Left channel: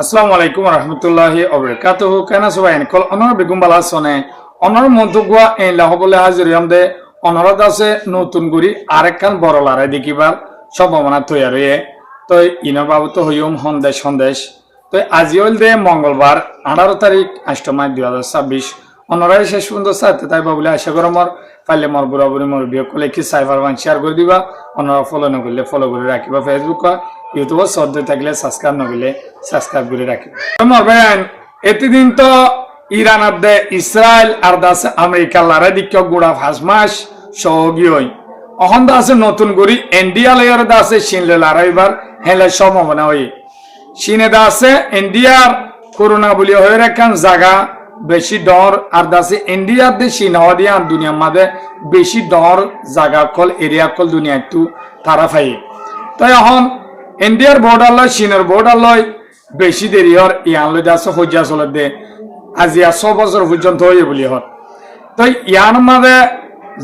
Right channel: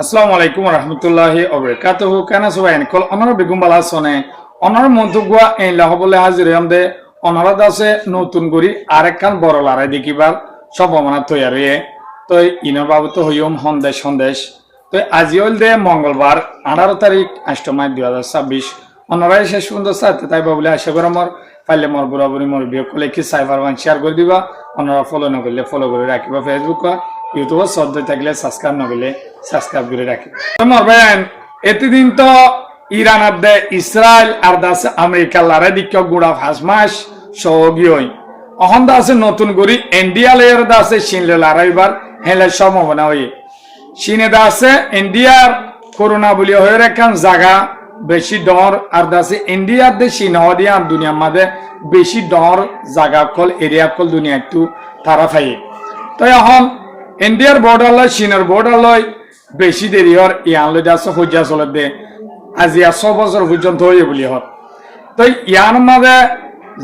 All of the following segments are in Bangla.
আসসালামু আলাইকুম রহমতুল্লাহি ওবারাকাতুহু কেন সবাই কল অনর বেগুম বালা সনে অনর মন্তগুয়া এই লহবলে হাজির আমদে অনর দাসে নতুন করি আরেকখান বড় লড়াই দেখিবার সম্ভাবনা তৈরি তো ইনো বাবু তো হইম সন্দেশ তো আজি হল দে মঙ্গলবার 18 তারিখ 8 মার্চ 2026 অনরাই শেষ পর্যন্ত সাথে তাই বাবুলে আশা করি আমার পাইলে মোর বুড়াবুড়ি মোর বিয়ে করলে কি সাইবার বান শেয়ার করে দিবা অনরা ফলো না করলে ফলো করে রাখিবা ফেসবুক ইউটিউব সদ্য থাকলে সাবস্ক্রাইব না করলে সাবস্ক্রাইব করে রাখিবা মোর ভাই এতদিন তো ইরান আদে ইসরায়েল আর দাস আমেরিকা লড়াই দিক গুড়া 5 মাস সহগী হই অহন দাসে নতুন করি ইন্ডিয়া লেয়ার দাসে চীনলে লড়াইবার হেলে সম্ভাবনা হই চীনে দাসে ইন্ডিয়ার করোনা বলি হয়ে রেখান জায়গা বেশি ডর আর দাসে ইন্ডিয়ার দে চীন হদিয়া দুনিয়ার মাঝে বেশি ডর জায়গা কল এরিয়া কল দুনিয়া একটু তারা ফাই তো এখন ইন্ডিয়ার বর্ডার লয় চীনের বর্ডার লয় বেশি দেরি হর ইয়ান লই দাসে হইয়া চলে দে আজি 100 বছর পর্যন্ত হয়ে বলি হর তো ইয়ান মাঝে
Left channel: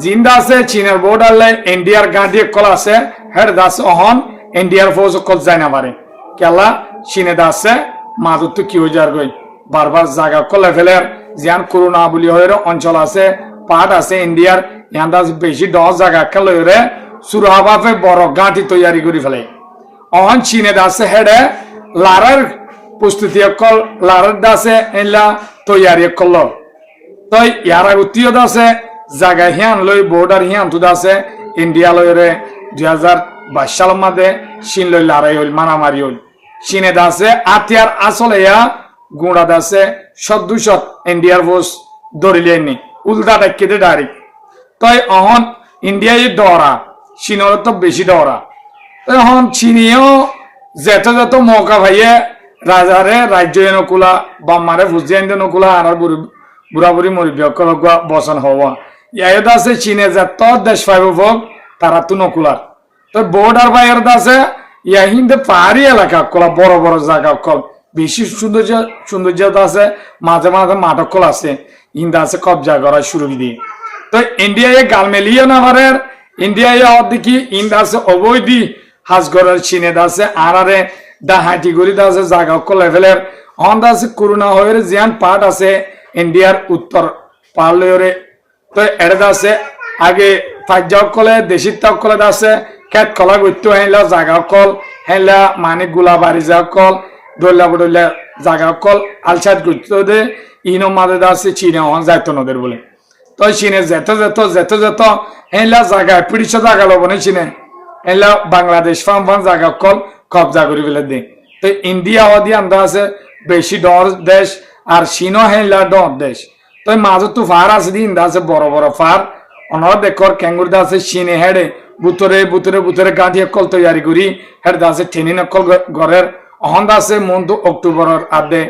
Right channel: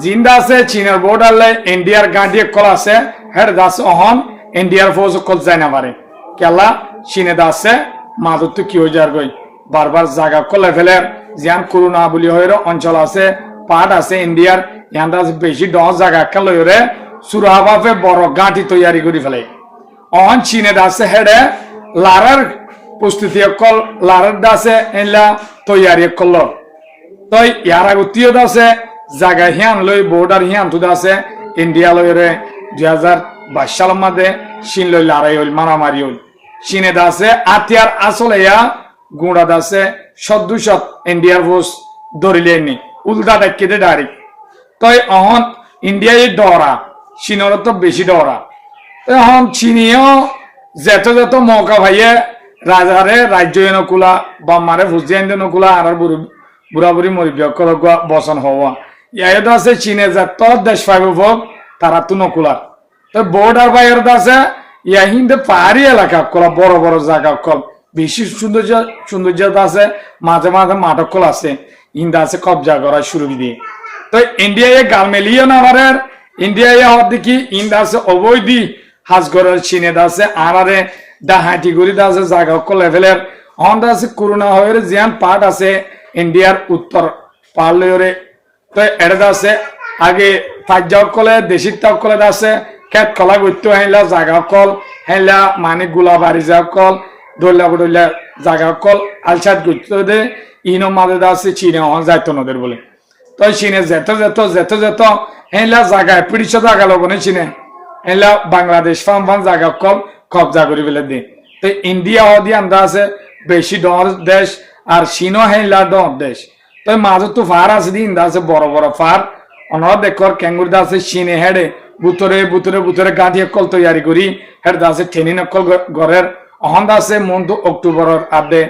জিন্দা আছে চীনের বর্ডার লয় ইন্ডিয়ার গাঁটি কল আছে হের দাস অহন ইন্ডিয়ার ফৌজ কল যায় না পারে কেলা চীনে দাসে মাদুর তো কি হয়ে যার গই বারবার জায়গা কলে ফেলের যেন করোনা বলি হয়ে অঞ্চল আছে পাট আছে ইন্ডিয়ার ইয়ান দাস বেশি 10 জায়গা খেলে রে সুরাবাফে বড় গাঁটি তৈরি করে ফেলে অহন চীনে দাসে হেডে লারার প্রস্তুতি কল লারার দাসে এলা তৈরি করল তো ইয়ার আগতীয় দাসে জায়গা হিয়ান লই বর্ডার হিয়ান তো দাসে ইন্ডিয়া লই রে 2022 সালের মধ্যে চীন লই লড়াই হইল মারামারি হইল চীনে দাসে আতিয়ার আসলে ইয়া গুড়া দাসে সদুশত ইন্ডিয়ার ফোর্স ধরিলেনি উল্টা ডাকিতে ডাইরেক্ট তাই অহন ইন্ডিয়ায় ডরা চীনের তো বেশি ডরা এখন চীনিও যেত যেত মৌকা ভাইয়ে রাজারে রাজ্য নকুলা বাম্মারে ফুজিয়ান নকুলা আর বুড়া বুড়ি মরিব বসন হওয়া ইয়াদ আছে চীনে যত দেশ পাইব ভোগ তারা তো নকুলার তো বর্ডার বাইরের আছে ইয়া হিন্দে পাহাড়ি এলাকা কলা বড় বড় জায়গা কল বেশি সৌন্দর্য আছে মাঝে মাঝে মাঠক কল আছে ইন্দা আছে কবজা করা শুরু দিয়ে তো ইন্ডিয়ায় গাল মেলিয়ে না পারে ইন্ডিয়ায় হওয়ার দেখি ইন্দা আছে অবৈধি হাজগরের চীনে আছে আরারে ডাহাটি গড়ি আছে জায়গা কল লেভেলের হন আছে করোনা হয়ে জিয়ান পাট আছে ইন্ডিয়ার উত্তর পার্লে তো এটা আছে আগে ফাইজাও কলে দেশি তাও কলে আছে খেত কলা গত্য হেলা জাগা কল হেলা মানে গুলা বাড়ি যা কল দৌলা বদলা জাগা কল আলসাদ গত্য দে ইনো মাদে আছে চীনে হন যাইতো নদের বলে তো চীনে যেত হেলা জায়গায় পিড়িছে জায়গা লবনে চীনে হেলা বাংলাদেশ ফান জায়গা কল কবজা করে ফেলে দে তো ইন্ডিয়া হদি আন্দা আছে বেশি ডর দেশ আর চীনও হেলা ডর দেশ তো মাঝে তো ফার আছে দিন আছে বড় বড় ফার অনর দেখর ক্যাঙ্গুর আছে চীনে হেডে বুতরে গাঁধি কল তৈরি করি হেড আছে ঠেনি নকল ঘরের অহন আছে মন্ত অক্টোবরের আদে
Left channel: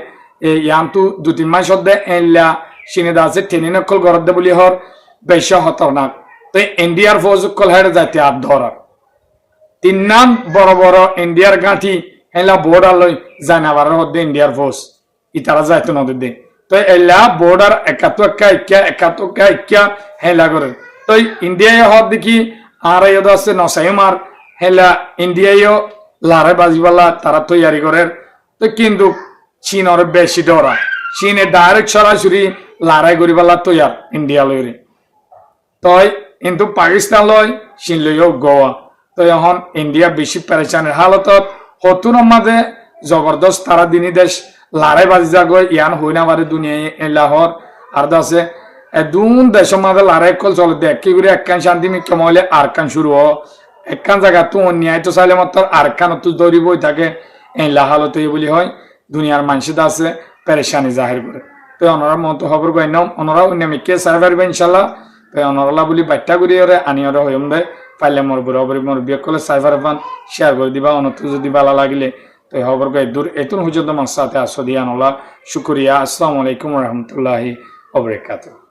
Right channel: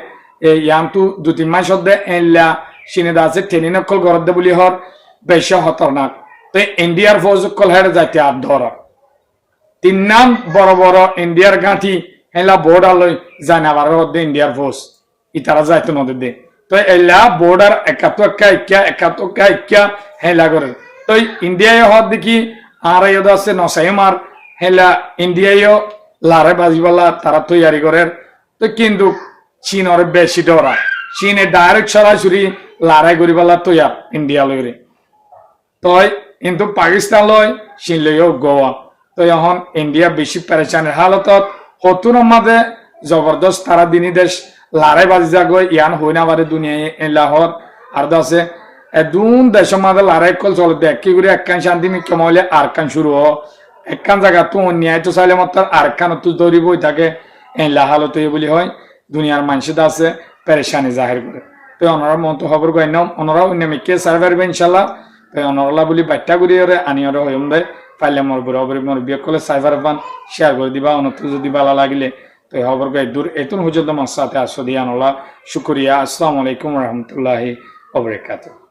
ইয়ান তো 2-3 মাস দে এলা চীনে আছে ঠেনি নকল ঘর দে বলি হর বেশি হত না তো ইন্ডিয়ার ফৌজ কল হেড যাইতে আদ ধরা 3 নাম বড় বড় ইন্ডিয়ার গাঁথি এলা বর্ডার লই জানাবার দে ইন্ডিয়ার ফৌজ ইতারা যাইতো নদী দে তো এলা বর্ডার একাত্তর হেলা করে তো ইন্ডিয়ায় হওয়ার দেখি আর এদ আছে নসাইমার হেলা ইন্ডিয়ায় লারে বাজিবালা তারা তৈরি করে তো কিন্তু চীনের বেশি ডরা চীনে ডাইরেক্ট সরাসরি লড়াই করিবালা তৈয়ার ইন্ডিয়া লইরে তই কিন্তু পাকিস্তান লয় চীন লইও গোয়া তো এখন ইন্ডিয়া বেশি পেরেশানের হালতত হতুন মাঝে জবরদস্ত তারা দিনী দেশ লড়াই বাজি যা গই ইয়ান হই না পারে দুনিয়ায় লাহর আর দাসে দুন দেশের মাঝে লড়াই কল চলে দেখ কি করে একখান শান্তি কমাইলে আর কান শুরু হ একখান জায়গা তো অন্যায় তো চাইলে মাত্র আর কান তো দৌড়ি বই থাকে এই লাহালত বলি হয় দুনিয়ার মানুষের আছে পেরেশানি জাহির করে তো অনরা মতো খবর গই নাম অনরা অন্যামিকে সার্ভ পারবে ইনশাল্লাহ তো অনরলা বলি বাচ্চা করি ওরে আনি ওরা হইম দে পাইলে মোর বুড়ি মোর বিয়ে করলে সাইবার পান শেয়ার করে দিবা অনত যদি ভালো লাগলে তো খবর গই দূর এতুন হুজুর আমার সাথে আসো দিয়া আনলা শুকরিয়া আসসালামু আলাইকুম রহমতুল্লাহি ওয়া বারাকাতুহু।